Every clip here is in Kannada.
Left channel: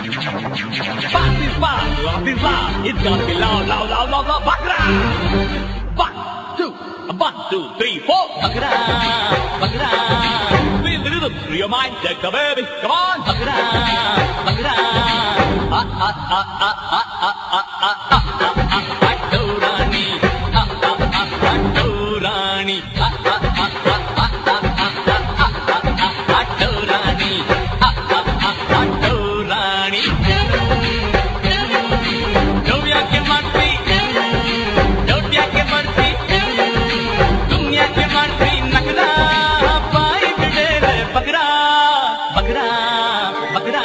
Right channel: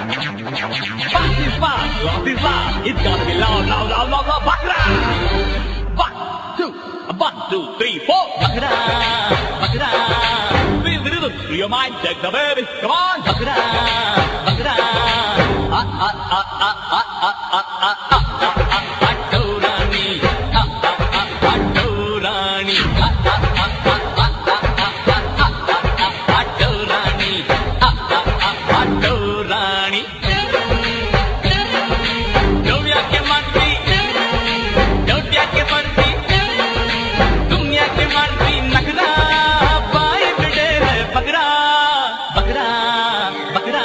Fast is fast, lost is lost. It's gonna be loud, loud, loud, loud, loud. Bakra! 1, 2, 3, 4. Bakra, bakra. Feel the rhythm through your mind. Take the baby. Come on. Bakra, bakra. Atorani. Atorani. Atorani. Atorani. Don't yaake marti. Don't yaake marti. Marti nakra pai bidele bakra bakra bakra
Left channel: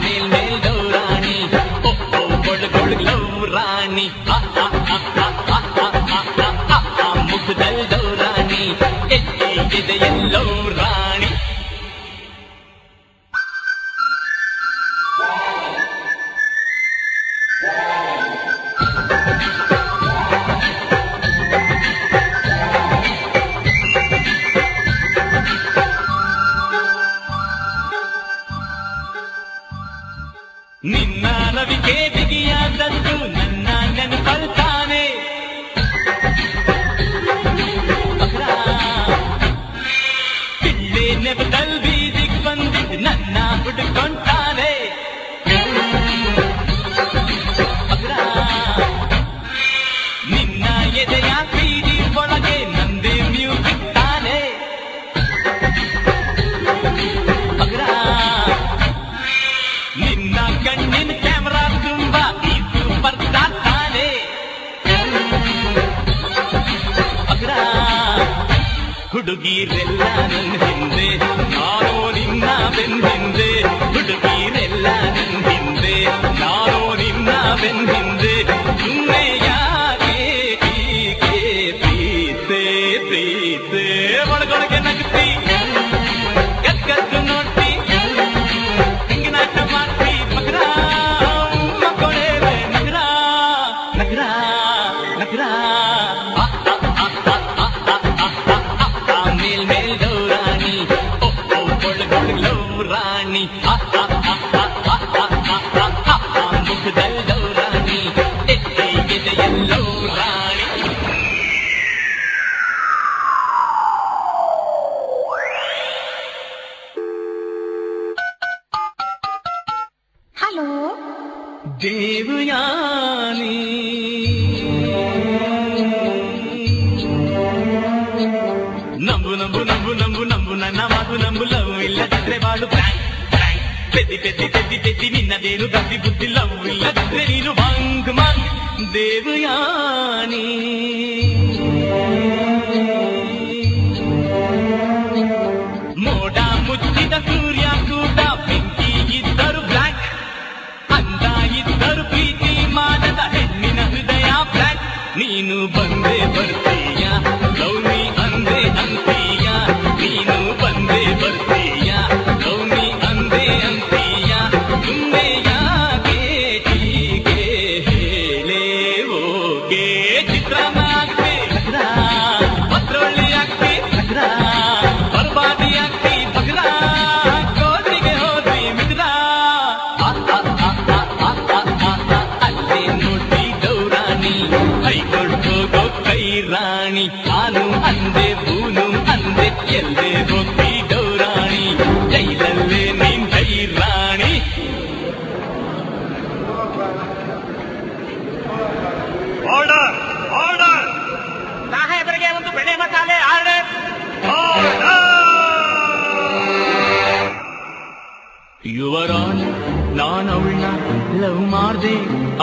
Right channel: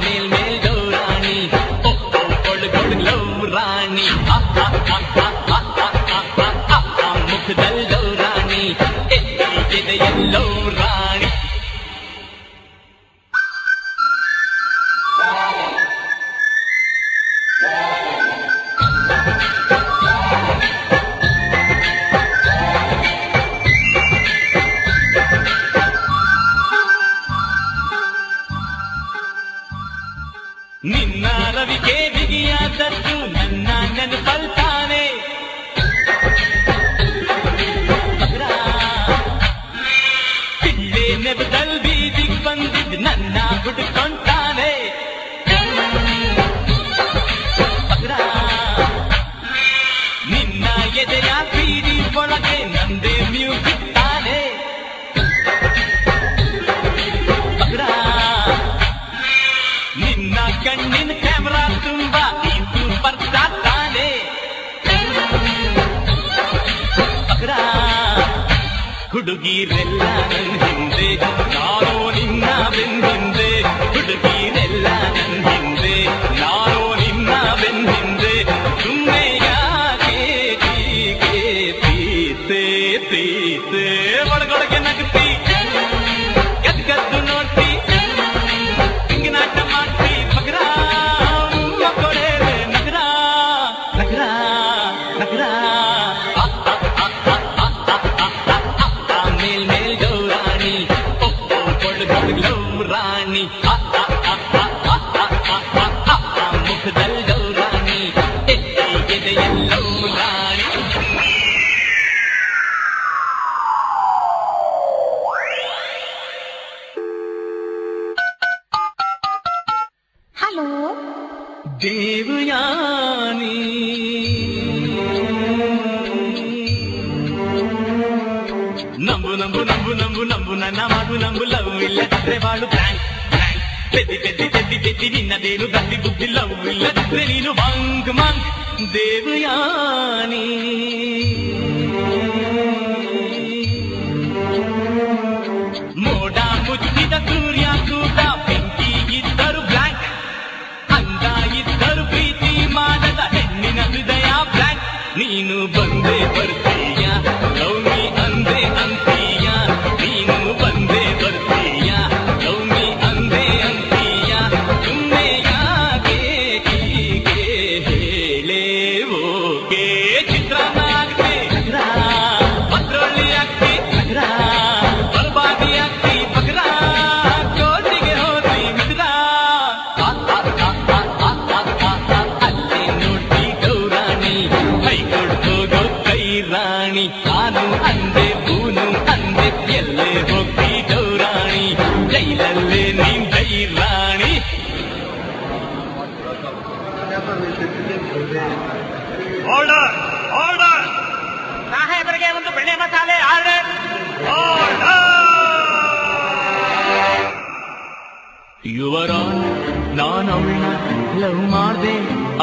mel mel dorani oh oh gold gold glow rani mukh dal dorani ede yellow rani ನಿನ್ನ ರವಿಗೆ ಬಿಗಿಯಾದದ್ದು ನನ್ನ ನೆನಪಲ್ತಾನೆ ಬಕ್ರಾ ಪಿಳ್ಳೆ ನೆಬದಲ್ ಬೀದಿಗ್ ಬಂದಿದ್ ನನ್ನ ಹುಡುಕೊಂತಾನೆ ಬಕ್ರಾ ನಿನ್ನ ಎದೆಯ ಬೀದಿ ಒಳಗೆ ನಂದೇ ಮ್ಯೂಸಿಕ್ ತಾನೆ ಬಕ್ರಾ ನಿನ್ನ ಕಣ್ಣಿನ ಕ್ಯಾಮರಾ ತುಂಬಾ ಈ ಸೂಪರ್ ಸ್ಟಾರ್ ತಾನೆ ಬಕ್ರಾ ಹುಡುಗಿರೆಲ್ಲ ನನ್ ಹಿಂದೆ ನಾನು ನಿನ್ನ ಬೆನ್ ಹಿಂದೆ ಹುಡುಗಿರೆಲ್ಲ ನನ್ ಹಿಂದೆ ನಾನು ನಿನ್ನ ಬೆನ್ ಹಿಂದೆ ಸುಮ್ಮನೆ ಯಾಕೆ ಟೀಕೆ ಪ್ರೀತೆ ಪ್ರೀತೆ ಒಳಗೊಳಗೆ ನಗ್ತಿ ಎದ್ಗದ್ದು ನೋಡ್ತಿ ನಾಟ ಮಾಡ್ತಿ ಬಕ್ರಾ ಮಕ್ಕಳೇಲೆ ನಗರಾ ನಗರಾ ನಗರಾ ಮೇಲ್ ಮೇಲ್ ಗೌರಾಣಿ ಓ ಓ ಗೊಳ್ ಗೊಳ್ ಗ್ಲವ್ ರಾಣಿ ಮುಖದಲ್ ಗೌರಾಣಿ ಎದೆಯಲ್ಲೋ ರಾಣಿ ಹಲೋ ದೇವಯಾನಿ ನಂಬು ನಂಬು ನಂಬು ನಂಬು ನಂಬು ನನ್ನ ಮಾತು ನಂಬು ಲವ್ ಇಲ್ಲದಿದ್ರೆ ಬಾಳು ಬ್ಯಾಂಕ್ ಬ್ಯಾಂಕ್ ಬೆದ್ದಿ ಬೆದ್ದಿ ಬೆದ್ದಿ ಬೆದ್ದಿ ನಿನ್ನದೇನು ಗದ್ದಿ ಬುದ್ಧಿ ಲವ್ ಇಲ್ಲದಿದ್ರೆ ನೀನು ಮಂಕ್ ಮಂಕ್ ದೇವಯಾನಿ ಮೋಡ ಮುಚ್ಚಿದ ಸೂರ್ಯ ಕೂಡ ಬೆಂಕಿ ಇದ್ದರು ಬ್ಲ್ಯಾಕ್ ಅಂದ ಇದ್ದರು ಪ್ರೀತಿ ಮಾಡದ ಹೆಣ್ಣಿನ ಹೃದಯ ಬ್ಲ್ಯಾಕ್ ನೀನು ಬಂದೆ ಬರ್ತೀಯ ಲವ್ ಮೀ ಅಂದೆ ಅಂತೀಯ ನೀನು ಬಂದೆ ಬರ್ತೀಯ ಲವ್ ಮೀ ಅಂದೆ ಅಂತೀಯ ಸುಮ್ಮನೆ ಯಾಕೆ ಟೀಕೆ ಹೇಳೇ ಓಕೆ ಚಿತ್ರಾನ್ನ ಆಗ್ತಿ ನಗರಾ ಪತ್ರೊಳ್ಳಿ ಆಗ್ತಿ ನಗರಾ ಬರ್ಬಾದಿ ಆಗ್ತಿ ಬಗ್ರಾ ಕೋಟಿಗೆ ಹೋದ್ರಿ ಮಿತ್ರ ಅಲ್ಲೇ ನೋಡಿ ಗೌರಾಣಿ ಹೈಕೋರ್ಟ್ ಹೋಗೋ ಕೈ ರಾಣಿ ನಾನು ಅಂದೆ ಬೂನು ಅಂದೆ ಎಲ್ಲೇ ಹೋಗ್ತಿ ಗೌರಾಣಿ ಜೈಲಲ್ಲೇ ನೀನ್ ಜೈ ರಾಣಿ ಆರ್ಡರ್ ಆರ್ಡರ್ ಸಾಹೇಬರಿಗೆ ಒಂದು ಬೆಳೆ ಮಸಾಲೆ ಆರ್ಡರ್ ಆರ್ಡರ್ ಯುವರಾನ್ ನಾನು ಅವಳನ್ನ ಲವ್ ಮಾಡ್ದೆ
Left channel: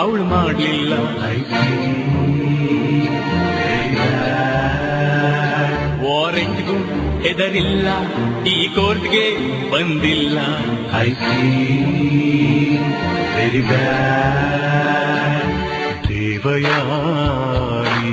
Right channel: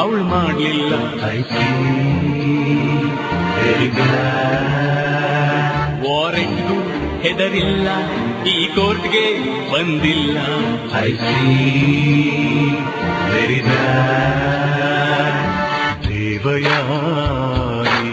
ಅವಳು ಮಾಡ್ಲಿಲ್ಲ ವಾರೆಂಟ್ಗೂ ಹೆದರಿಲ್ಲ ಈ ಕೋರ್ಟ್ಗೆ ಬಂದಿಲ್ಲ ದೇವಯಾನಿ